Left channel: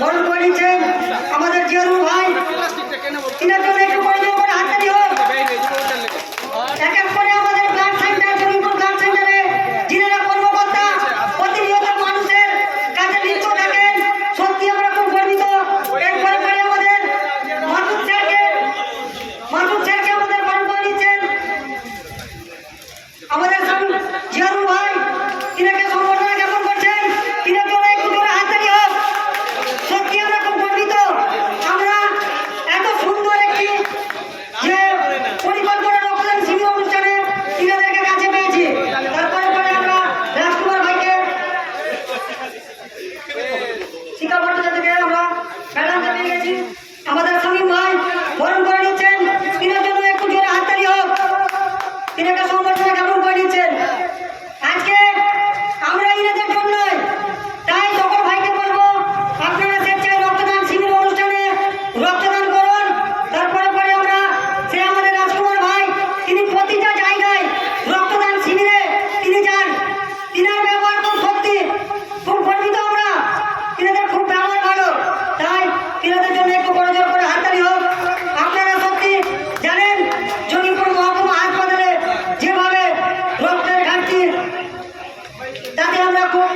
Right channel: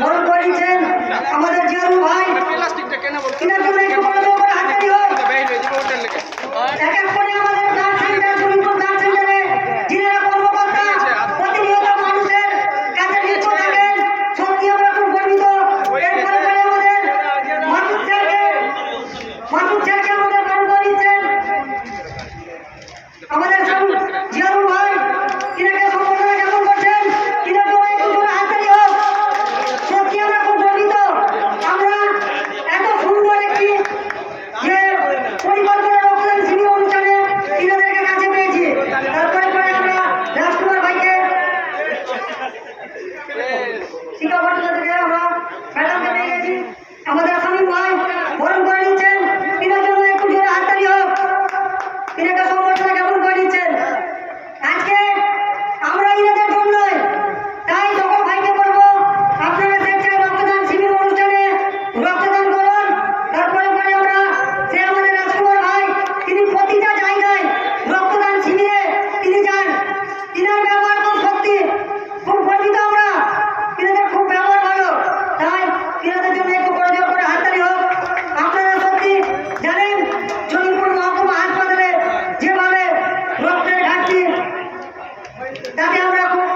বরণ করে নিচ্ছেন আমাদের জিয়ারুল ভাই। তিনার জন্য একটু বড় করে হাততালি হোক। এক এক করে আমাদের ব্লাড সেন্টার, জমিপুর ব্লাড সেন্টারে যিনারা কর্মকর্তা প্রতিনিয়ত মানুষের কাছে লিপ্ত থাকেন, সত্যি আমরা খুব গর্বিত। এরপরে আমাদের মাসুদ স্যারকে আমাদের বরণ করে নিচ্ছেন আমাদের জিয়ারুল ভাই। তিনাকে সম্বর্ধনা জ্ঞাপন করছেন, তিনার জন্য একটু জোরে হাততালি হোক। সত্যি আমরা খুব গর্বিত, আমরা এত সুন্দর একটি যে পরিকল্পনা রক্তদান শিবির অনুষ্ঠানে তিনাদেরকে কাছে পেয়েছি। তারপরে আমরা রাজকুমার ভাইকে, শিক্ষা ভট্টাচার্যকে আমরা ম্যাডামকে পেয়ে গেছি। আমাদের সমীর ভাই বরণ করে নিচ্ছেন, তিনার জন্য একটু জোরে হাততালি হোক। তিনাকে সম্বর্ধনা জ্ঞাপন করে নিচ্ছেন। আজকে আমরা ইনাদের জন্যই, তাই সকল ভাইকে বলবো আপনারা স্বেচ্ছায় রক্তদান শিবির অনুষ্ঠানে রক্তদান করুন। তারপরে আমরা সে আমাদের রাজকুমার ভাই, তিনি প্রতিটা জায়গায় রক্তদান শিবিরে তিনি যান। তিনার ব্যবহার খুব সত্যি খুব গর্বিত আমরা, তিনাদের খুব ব্যবহার ভালো। তাই তিনাদের জন্য একটু বড় জোর করে হাততালি হোক। আপনারা সত্যি জানেন জমিপুর মহকুমা হাসপাতালে যেভাবে রক্তের ঘাটতি, তাতে আমরা খুব